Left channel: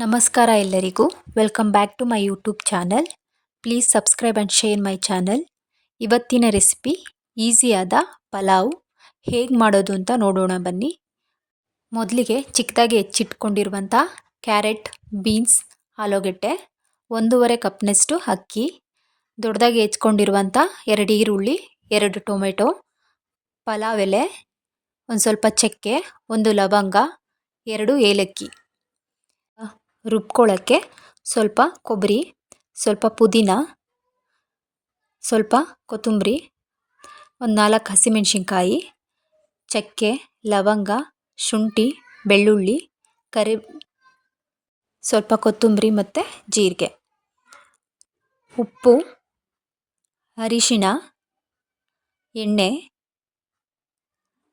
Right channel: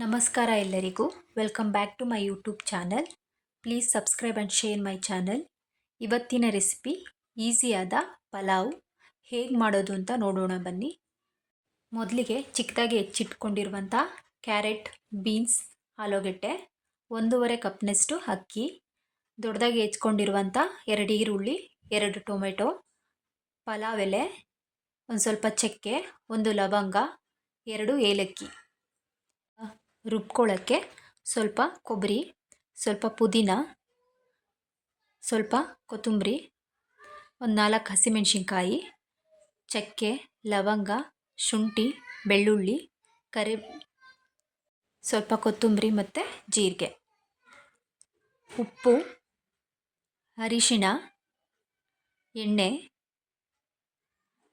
ನಮಸ್ಕಾರ ಎಲ್ಲರಿಗೂ. Welcome back to my YouTube channel. Please subscribe and share my channel. ಇವತ್ತಿನ recipe ಈಸಿಯಾದ ಪಲಾವ್ ಹೇಗೆ ಮಾಡೋದು ಅಂತ ನೋಡೋಣ ಬನ್ನಿ. ಮೊದಲಿಗೆ ಚಿಕ್ಕದಾಗಿ ಹೆಚ್ಚಿಟ್ಕೊಂಡಿರುವಂಥ ಕ್ಯಾರೆಟ್, ಬೀನ್ಸ್, ಆಲೂಗೆಡ್ಡೆ, 1.5 ಕಪ್ನಷ್ಟು ಅಕ್ಕಿ, ದೊಡ್ಡದಾಗಿ ಹೆಚ್ಕೊಂಡಿರುವಂಥ 2 ಈರುಳ್ಳಿ, 2 ಟೊಮೆಟೊ, ಪಲಾವ್ ಎಲೆ, ಒಂದು ಸ್ವಲ್ಪ ಚಕ್ಕೆ, 1 ಲವಂಗ, 2 ಏಲಕ್ಕಿ. ರುಬ್ಕೊಳ್ಳೋಕ್ಕೆ ಸ್ವಲ್ಪ ಕೊಬ್ಬರಿ, ಸ್ವಲ್ಪ ಪುದೀನ, ಸ್ವಲ್ಪ ಕೊತ್ತಂಬರಿ, ಒಂದು 4 ಹಸಿಮೆಣಸಿನ್ಕಾಯಿ, ಚಕ್ಕೆ, ಲವಂಗ, ಶುಂಠಿ, ಬೆಳ್ಳುಳ್ಳಿ, ಸ್ವಲ್ಪ ಕೊತ್ತಂಬರಿ ಮತ್ತು ಜೀರಿಗೆ, ಉಪ್ಪು, ಅರಿಶಿಣ, ಎಣ್ಣೆ.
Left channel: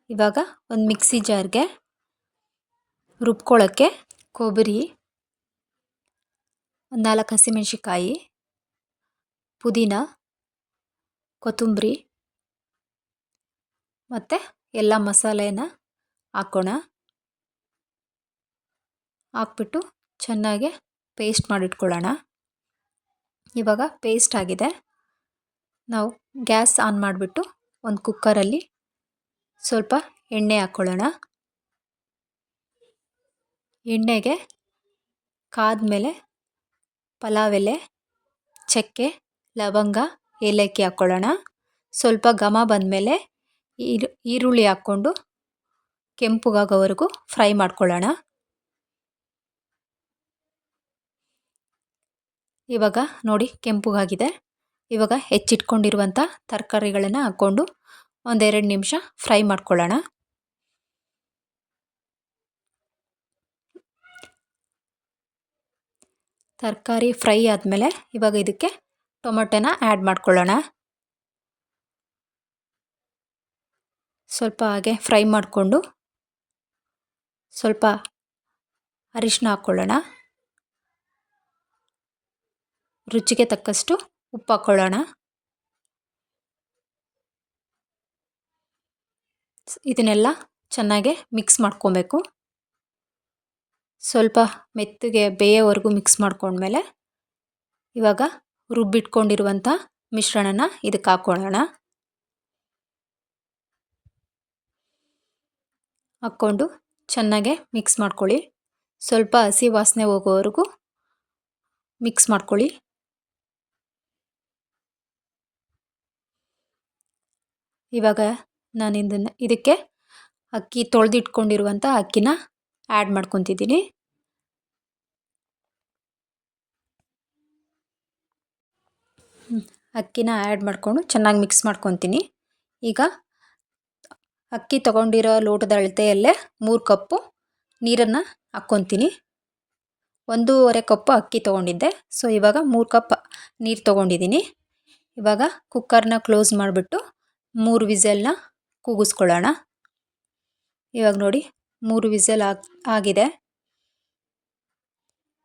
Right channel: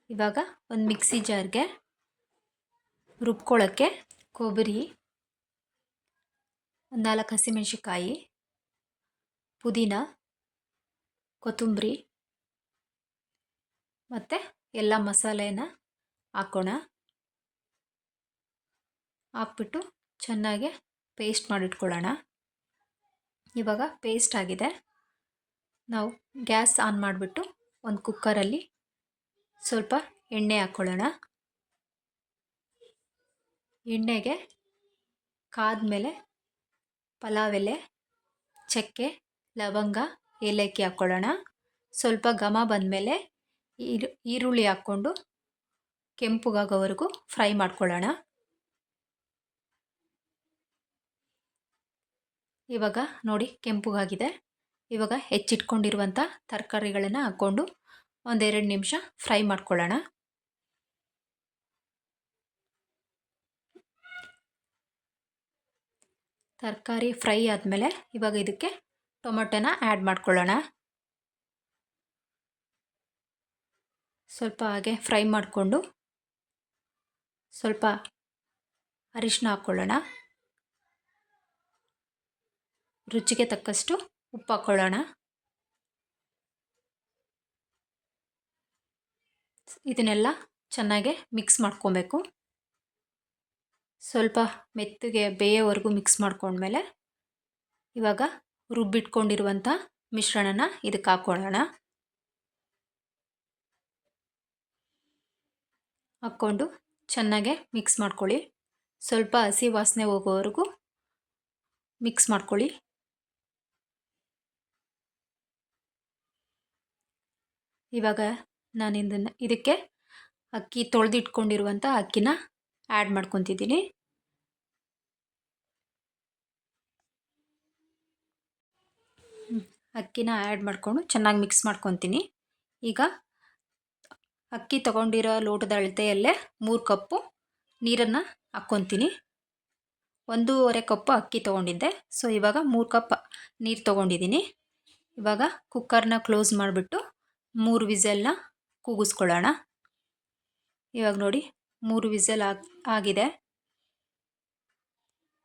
ಇವಾಗ ಒಂದು ಮಿಕ್ಸಿ ಜಾರ್ಗೆ ರುಬ್ಕೊಳ್ಳೋಕ್ಕೆ ಕೊಬ್ಬರಿ, ಒಂದು 4 ಹಸಿಮೆಣಸಿನ್ಕಾಯಿ, ಪುದೀನ, ಕೊತ್ತಂಬರಿ ಮತ್ತು ಎಲ್ಲ ಮಸಾಲೆನ ಹಾಕೋಣ. ಹಾಕ್ಬಿಟ್ಟು ಚೆನ್ನಾಗಿ ಪೇಸ್ಟ್ ಮಾಡಿಟ್ಕೊಳ್ಳೋಣ. ಇವಾಗ ಪೇಸ್ಟ್ ಆಗಿದೆ. ನಾವು ಗ್ಯಾಸ್ ಆನ್ ಮಾಡಿಬಿಟ್ಟು ಒಂದು ಕುಕ್ಕರಲ್ಲಿ ಸ್ವಲ್ಪ ಎಣ್ಣೆ ಹಾಕ್ಕೊಳ್ಳೋಣ. ಎಣ್ಣೆಗೆ ಕಾದ್ಮೇಲೆ ಪಲಾವ್ ಎಲೆ, ಚಕ್ಕೆ, ಲವಂಗ, ಏಲಕ್ಕಿ ಹಾಕ್ಕೊಳ್ಳೋಣ. ಸ್ವಲ್ಪ ಘಮ ಬಂದಮೇಲೆ ಈರುಳ್ಳಿ ಹಾಕ್ಕೊಂಡು ಕೆಂಪುಗಾಗೋವರೆಗೂ ಫ್ರೈ ಮಾಡ್ಕೊಳ್ಳೋಣ. ಇವಾಗ ನೋಡಿ ಕೆಂಪುಗಾಗಿದೆ. ಇವಾಗ ಹೆಚ್ಚಿಟ್ಕೊಂಡಿರುವಂಥ ತರಕಾರಿಗಳನ್ನು ಹಾಕ್ಕೊಂಡು 1-2 ನಿಮಿಷ ಫ್ರೈ ಮಾಡ್ಕೊಳ್ಳೋಣ. ತರಕಾರಿ ಫ್ರೈ ಆದಮೇಲೆ ಇವಾಗ ಇದಕ್ಕೆ ಟೊಮೆಟೊನ ಆ್ಯಡ್ ಮಾಡ್ಕೊಳ್ಳೋಣ. ಸ್ವಲ್ಪ ಹಾಗೆ ಫ್ರೈ ಮಾಡಿಕೊಂಡು ಸ್ವಲ್ಪ ಅರಿಶಿನ ಹಾಕ್ಕೊಳ್ಳೋಣ. ರುಚಿಗೆ ತಕ್ಕಷ್ಟು ಉಪ್ಪು ಹಾಕ್ಕೊಳ್ಳೋಣ. ಇದನ್ನೆಲ್ಲ ಚೆನ್ನಾಗಿ ಮಿಕ್ಸ್ ಮಾಡ್ಕೊಬೇಕು. ಸ್ವಲ್ಪ ಮೆತ್ತಗೆ ಬೇಯೋವರೆಗೂ ಮಿಕ್ಸ್ ಮಾಡ್ಕೊಂಡ್ಮೇಲೆ ಇವಾಗ ರುಬ್ಬಿಟ್ಕೊಂಡಿರುವಂಥ ಮಿಶ್ರಣನ ಇದಕ್ಕೆ ಹಾಕ್ಕೊಳ್ಳೋಣ. ಹಾಕ್ಕೊಂಡು ಚೆನ್ನಾಗೆ ಮಿಕ್ಸ್ ಮಾಡ್ಕೊಳ್ಳಿ. ಸ್ವಲ್ಪ ಹಸಿ ವಾಸನೆ ಹೋಗೋವರೆಗೂ ಮಿಕ್ಸ್ ಮಾಡ್ಕೊಳ್ಳಿ. ಇವಾಗ ನಾನು ಇದಕ್ಕೆ ಅಕ್ಕಿ ತೊಳೆದಿಟ್ಕೊಂಡಿರುವಂಥ ಅಕ್ಕಿನ ಆ್ಯಡ್ ಮಾಡ್ಕೊತಿದ್ದೀನಿ. ಅಕ್ಕಿನ ಆ್ಯಡ್ ಮಾಡಿಕೊಂಡು ಚೆನ್ನಾಗಿ ಮಿಕ್ಸ್ ಮಾಡ್ಕೊತೀನಿ. ಈಗ ಅಕ್ಕಿ ತೊಗೊಂಡಿರೋ ಲೋಟದ ಅಳತೆಯಲ್ಲೇ 3 ಕಪ್ಪು ನೀರನ್ನು ಹಾಕ್ಕೊತೀನಿ. 1.5 ಕಪ್ಪು ಅಕ್ಕಿ ತೊಗೊಂಡಿದ್ದೆ. ಸೊ ಇವಾಗ 3 ಕಪ್ ನೀರು ತೊಗೊಂಡಿದ್ದೀನಿ. ಇವಾಗ ಕುಕ್ಕರ್ನ ಕ್ಲೋಸ್ ಮಾಡಿಬಿಟ್ಟು 3 ವಿಸಲ್ನ ಕೂಗಿಸ್ಕೊಳ್ಳೋಣ. ಇವಾಗ ನೋಡಿ 3 ವಿಸಲ್ ಆಗಿದೆ.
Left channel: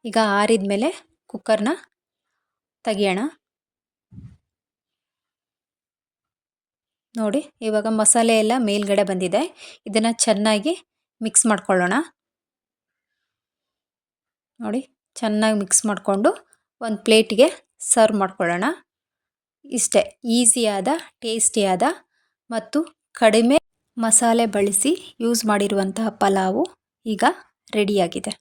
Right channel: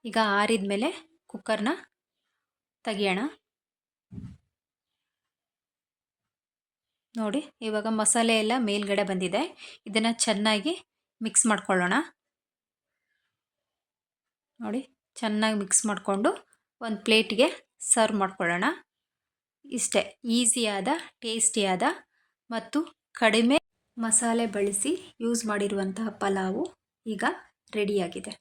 ಈಗ ಆರಿದ ಮೇಲೆ ಕುಕ್ಕರ್ನ ತೆಗಿಯೋಣ. ನೋಡಿ ಇವಾಗ ಮಸಾಲೆ ಎಲ್ಲ ಮೇಲ್ಗಡೆ ಬಂದಿದೆ. ಇದನ್ನು ಚೆನ್ನಾಗಿ ಮಿಕ್ಸ್ ಮಾಡ್ಕೊಳ್ಳೋಣ. ನೋಡಿ ಚೆನ್ನಾಗಿ ಮಿಕ್ಸ್ ಮಾಡಿಕೊಂಡು ಒಂದು ಪ್ಲೇಟಿಗೆ ಸರ್ವ್ ಮಾಡ್ಕೊಳ್ಳೋಣ. ಇಷ್ಟೇ ಈಸಿಯಾದ, ಟೇಸ್ಟಿಯಾದ ಮತ್ತು ಕಡಿಮೆ ಮಸಾಲೆ ಬಳಸಿ ಯೂಸ್ ಮಾಡಿರುವಂತಹ ಪಲಾವು ಈಗ ರೆಡಿಯಾಗಿದೆ.